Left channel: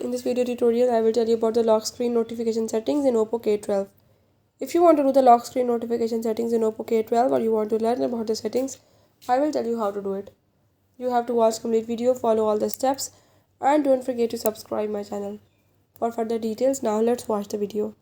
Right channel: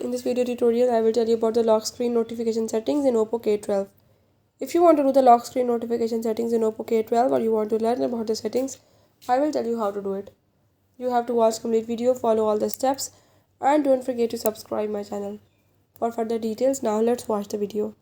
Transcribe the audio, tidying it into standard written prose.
In this video tutorial, I will tell you about the lock screen notification settings in Oppo K12. If you want to do the lock screen notification settings in Oppo K12 or you want to learn about the settings, I will tell you how to do it. You have to watch complete video, follow all the steps, and don't forget to subscribe my channel. For further details, now let's watch the video.